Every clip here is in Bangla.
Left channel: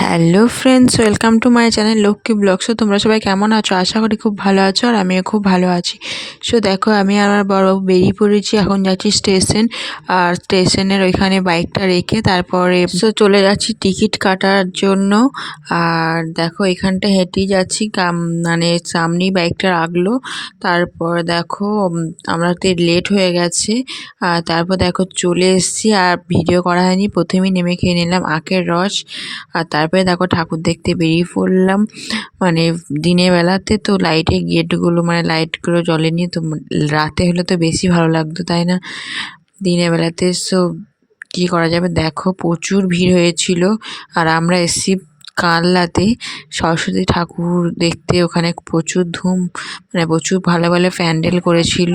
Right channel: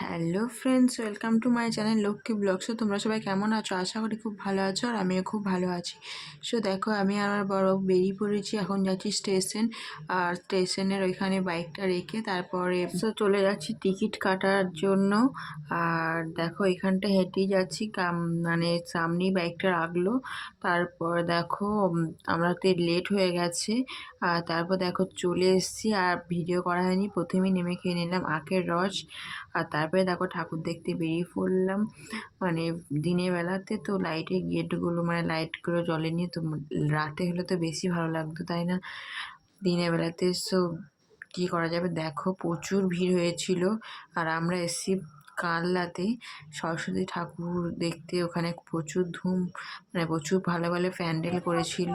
Hello friends welcome to my channel Lakshmi blog so তোমরা সবাই কেমন আছো? আশা করি খুব ভালো আছো আর আমিও খুব ভালো আছি। সো দেখো, আমি আমার বড় বেরিয়ে পড়েছি। এখন যাচ্ছি স্টেশন, আর স্টেশনের ওইখানে বাইকটা রেখে তারপরে সো চলে যাচ্ছি টিকিট কাটার জন্য। আর দেখো, এখানটা হেঁটেই যাচ্ছি মানে সামনেই বাইকটা রাখল। তারপর দেখো আমরা তো লেট হয়ে গেছে। আর তারপর দেখো, চলে এসেছি, আর ভিডিও করা হয়নি। প্রথমেই নেমে খেয়ে নিলাম আখের রস। আর তারপরে দেখো ঠাকুর দেখতে বেরিয়ে পড়লাম। মানে দিনের বেলাতে তো লাইটের গেটগুলো মানে লাইটগুলো জ্বলেনি তো, রাতে হলে তো বেশি ভালো লাগতো, তাই না? দিনের বেলাতে সব কী করা যাবে? দেখো প্রচুর ভিড় হয়েছিল। আর আমরা এসছি কালনাতে সরস্বতী ঠাকুর দেখতে। ওখানে প্রচুর ধুম মানে প্রচুর ভালো ভালো প্যান্ডেল করেছিল।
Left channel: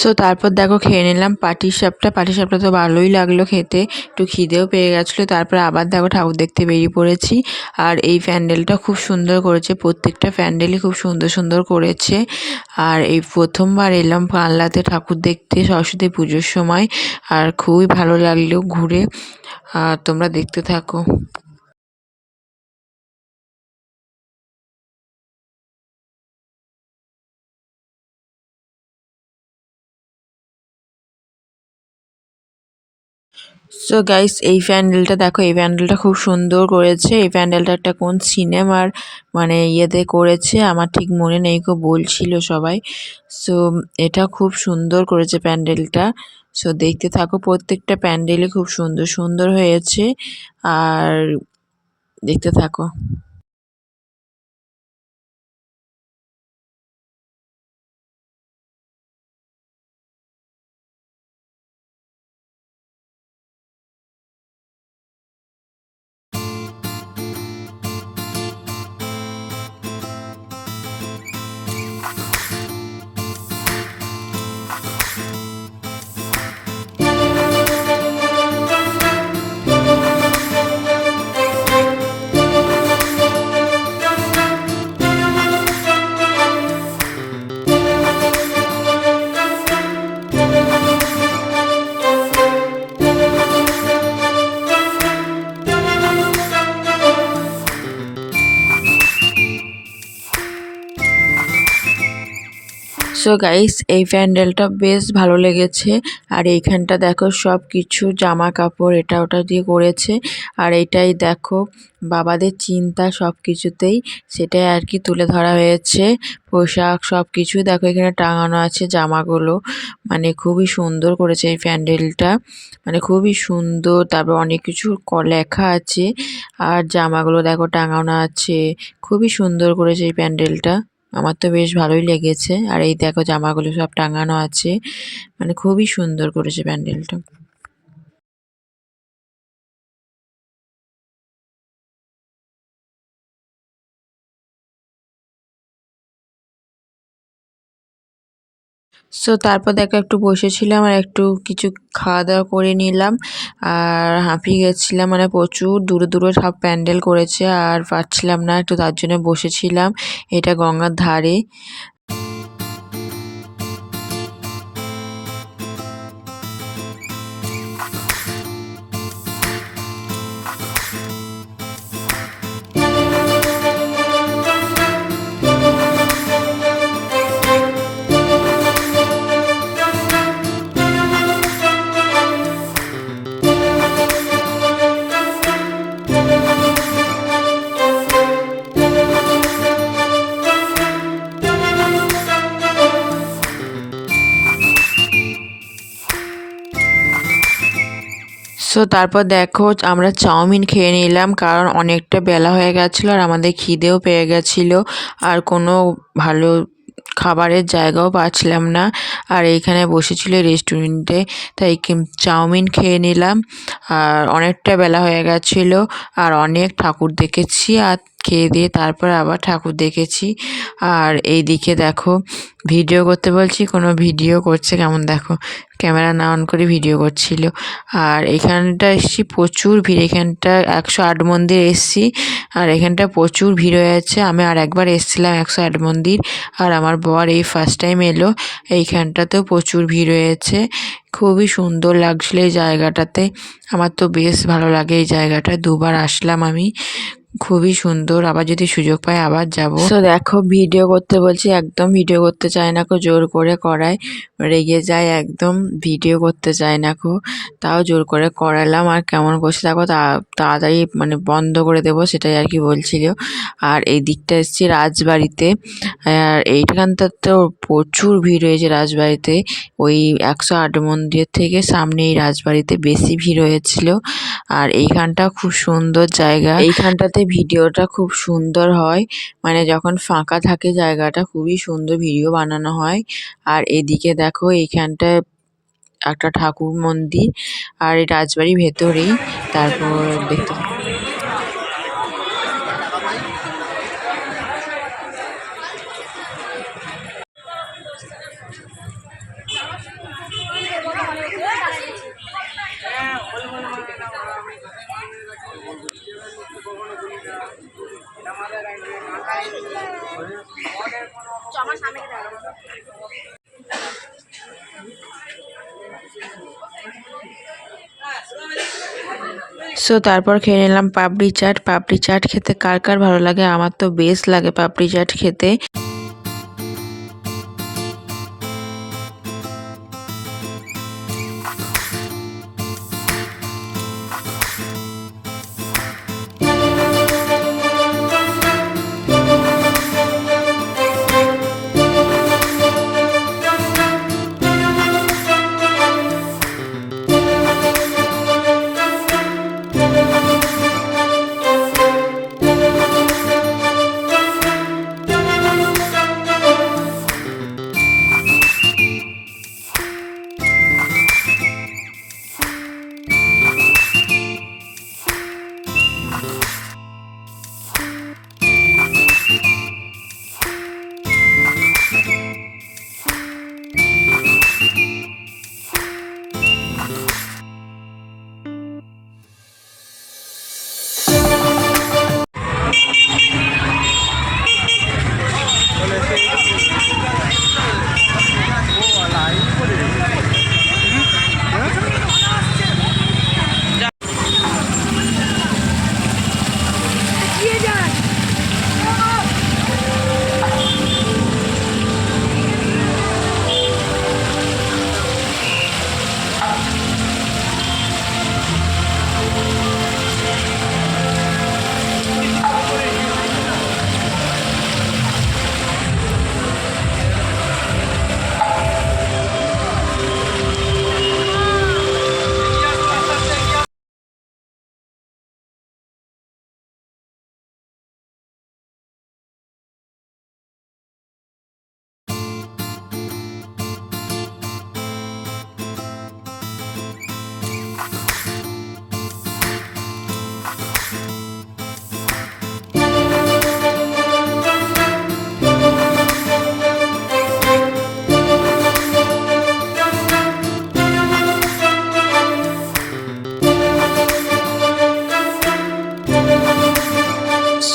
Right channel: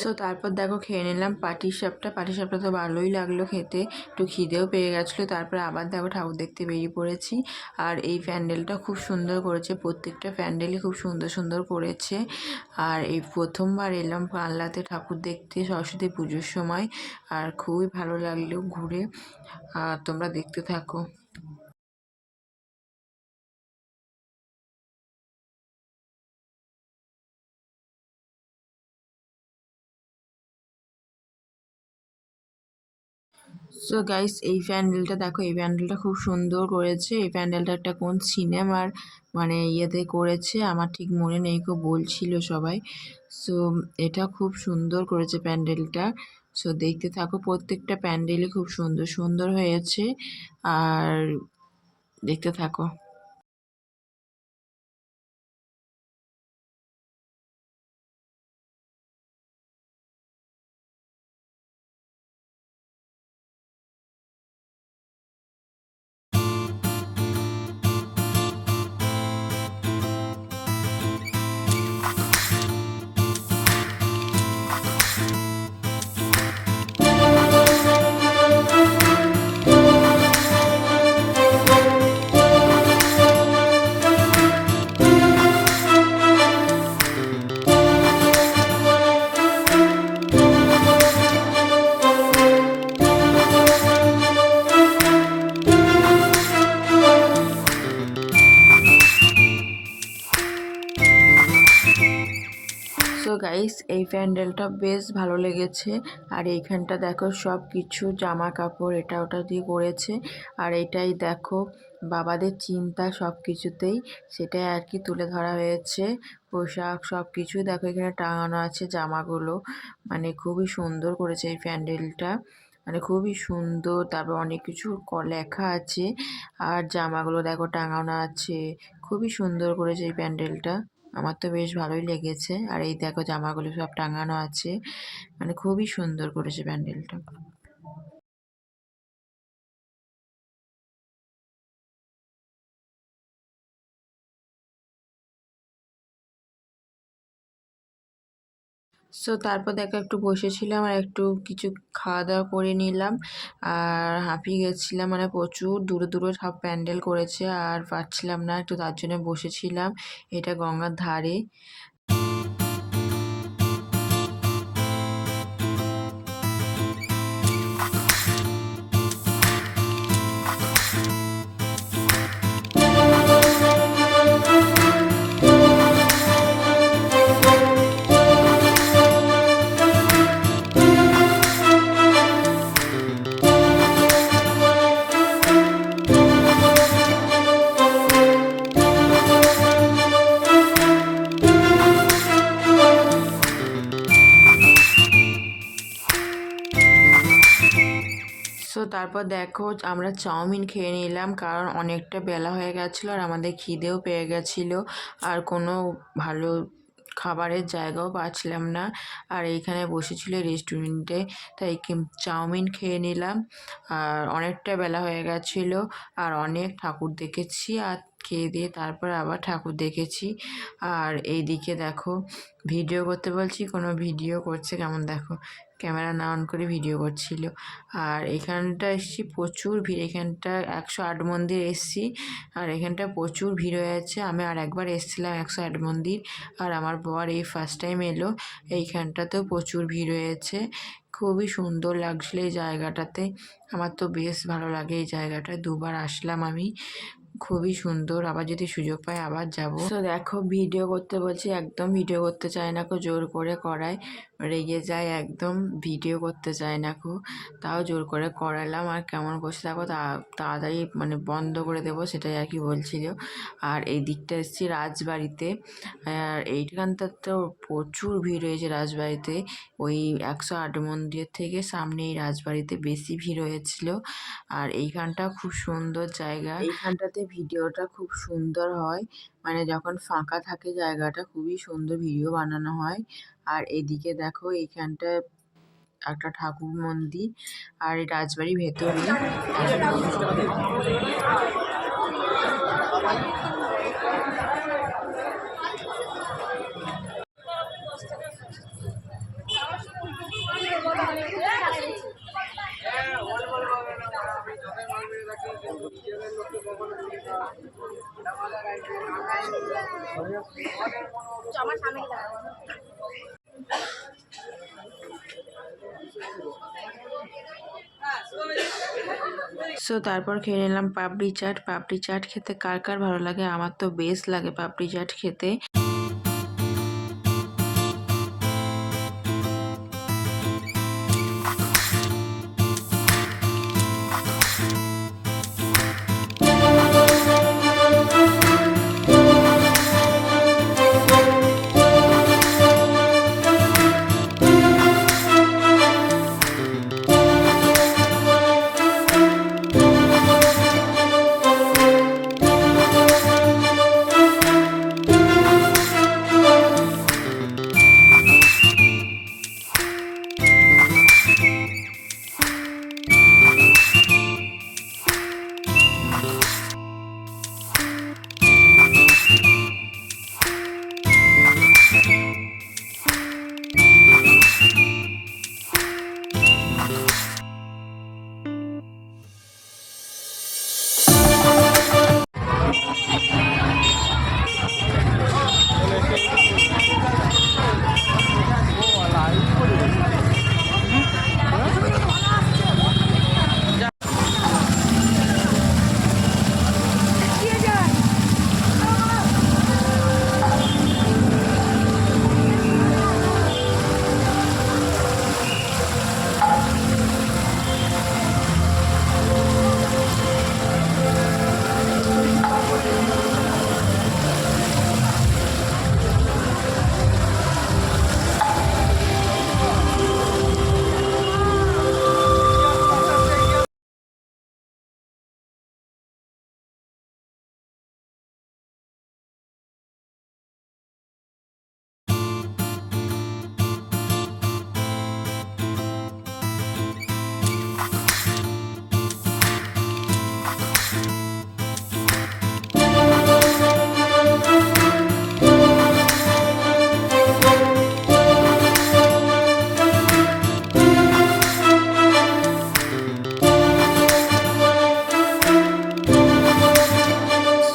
সো তারপর দেখো খেয়ে নিলাম। পাটি সাপটা পাটি সাপটা তো ভালোই লাগল খেতে। একটু খিদেও পেয়ে গেছিল। তারপর আবার দেখো ঠাকুর দেখতে বেরিয়ে পড়েছি। আর এই প্যান্ডেলটা খুব সুন্দর করেছে। প্রত্যেকটা প্যান্ডেলই খুব সুন্দর সুন্দর করেছে। আর এই প্রথমবার এলাম পাল্লাতে ঠাকুর দেখতে সরস্বতী পুজোর সময়। আর খুবই ভালো লাগল ঘুরে। আর তোমরা দেখতে থাকো। সো গাইস এই প্যান্ডেলটা দেখো, এই প্যান্ডেলটা খুব সুন্দর করেছে। এই প্যান্ডেলটা একটা কোন সিনেমার মানে ইয়েতে করেছে? আমার ঠিক মনে নেই কেউ বলছিল সবাই। সো এটা খুব সুন্দর করেছে প্যান্ডেলটা সো দেখতে থাকো, প্রত্যেকটা প্যান্ডেলই খুব সুন্দর সুন্দর হয়েছে। আর দেখতে থাকো। সো গাইস এই প্যান্ডেলটা বেশ ভালো লেগেছে। আর এইখানটা দেখো সব কিছু জামা কাপড় এটা ওটা দিয়ে করেছে। আর এটাই দেখো বাবাদের চিন্তা সব কিছুতেই সেটাই আর কি তুলে ধরা হয়েছে। পোশাক সব কিছুই দেখো এখানে টাঙানো আছে জামাগুলো। মানে খুবই সুন্দর করেছে এই প্যান্ডেলটা। মানে খুবই সুন্দর, তারপর অনেক কিছু লেখা আছে। আর জামাগুলো দেখো টাঙানো আছে। খুবই সুন্দর করেছে এই প্যান্ডেলটা। আমার তো বেশ ভালোই লেগেছে। আর এই দেখো জামাগুলো সব টাঙানো আছে। মানে খুবই সুন্দর করেছে প্যান্ডেলটা। সো তারপর দেখো একটু বসেছিলাম আর একটু কিছু খাওয়া দাওয়া করে নিলাম। আর হাঁপিয়ে গেছিলাম মানে প্রচুর। দূরে দূরে সব প্যান্ডেল করেছে আর পারছিলাম না, একটু তার জন্য বসেছিলাম। এটা গঙ্গার ধারে। সো তারপর দেখো, আমরা চাউমিন খেয়ে নিলাম, কারণ অনেকটা বেলা হয়ে গেছিল আর আমাদের খিদেও পেয়ে গেছিল। আর কোনো ভালো খাবারের জায়গাও পাচ্ছিলাম না। আর এইখানে বসেছিল রেস্টুরেন্টে, তাই চাউমিন খেয়ে নিলাম। আর অনেকটা বেলা হয়ে গেছিল, আর অনেক ঠাকুর দেখেছি। আর খেয়ে দিয়ে তারপর আবার ঠাকুর দেখেছি। আর এই দিকে দেখো ভিডিও করতে বলছি, কোনো ভিডিও করছে, কেমন দেখো ক্যামেরা না অন করে ভিডিও করছিল। আর এখানটা এসছি, প্রচুর ভিড়, এখানটা একশো আট মন্দির এসছি। আর এখানটা প্রচুর ভিড় হয়ে আছে, আমি আর একবার এসছিলাম একশো আট মন্দির। আর আমার বর এই ফার্স্ট টাইম এলো, এইখানটাতেও প্রচুর ভিড় হয়েছে খুবই সুন্দর লাগছিল এই জায়গাটাতে। আমার তো বেশ ভালো লাগে এই জায়গাটা, দুবার আসলাম আমি। খুবই সুন্দর। আবার যদি সুযোগ পাই আবার যাব। তো দেখো ভিডিও করতে বলছি একদম ভিডিও করতে চায় না কো জোর করে করায়। রেগে যায় একদম ভিডিও করতে চায় না কো। তাও জোর করে করালাম আর কেমন করছে দেখো তা- তাড়াতাড়ি মানে বন্ধ করে দেবো সেটাই আর কি বলছিল। আর এই দিকটা এসেছি রাজবাড়িতে। আর এইখানটা তো প্রচুর ভিড় হয়েছে রাজবাড়িতে। ওই একশো আট মন্দিরের থেকে সামনে এই রাজবাড়িতে বেশি ভিড় হয়েছিল। আর এইখানটা খুব সুন্দর জায়গা। এইখানটাতে ভিডিওটা খুব সুন্দর হয়। মানে যখন ফাঁকা থাকে জায়গাটা খুবই সুন্দর ভিডিও বানানো হয়। আর এদিকে দেখো এইখানটায় একটা ঠাকুর মন্দির আর এই রাজবাড়ির ভেতরেই, তারপর দেখতে সো তারপর খেয়ে নিলাম পাপড়ি চাট। পাপড়ি চাট খেতে কার কার ভালো লাগে? আমার তো বেশ লাগে পাপড়ি চাট খেতে।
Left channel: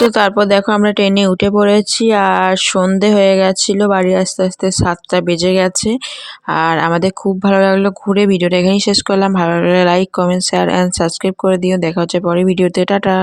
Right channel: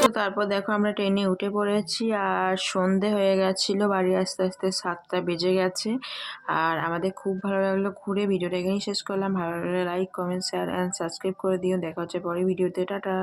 তো তারপর দেখো আমরা ট্রেনে উঠে পড়েছি আর সন্ধে হয়ে গেছিল, বাড়ি আস্তে আস্তে সাতটা বেজে গেছে। আর আমাদের খুব ভালো লাগল ঘুরে, ভিডিওটা এখানেই শেষ করলাম। ভালো লাগলে like comment share and subscribe করে দিও। দেখা হচ্ছে পরে ভিডিওতে, টাটা।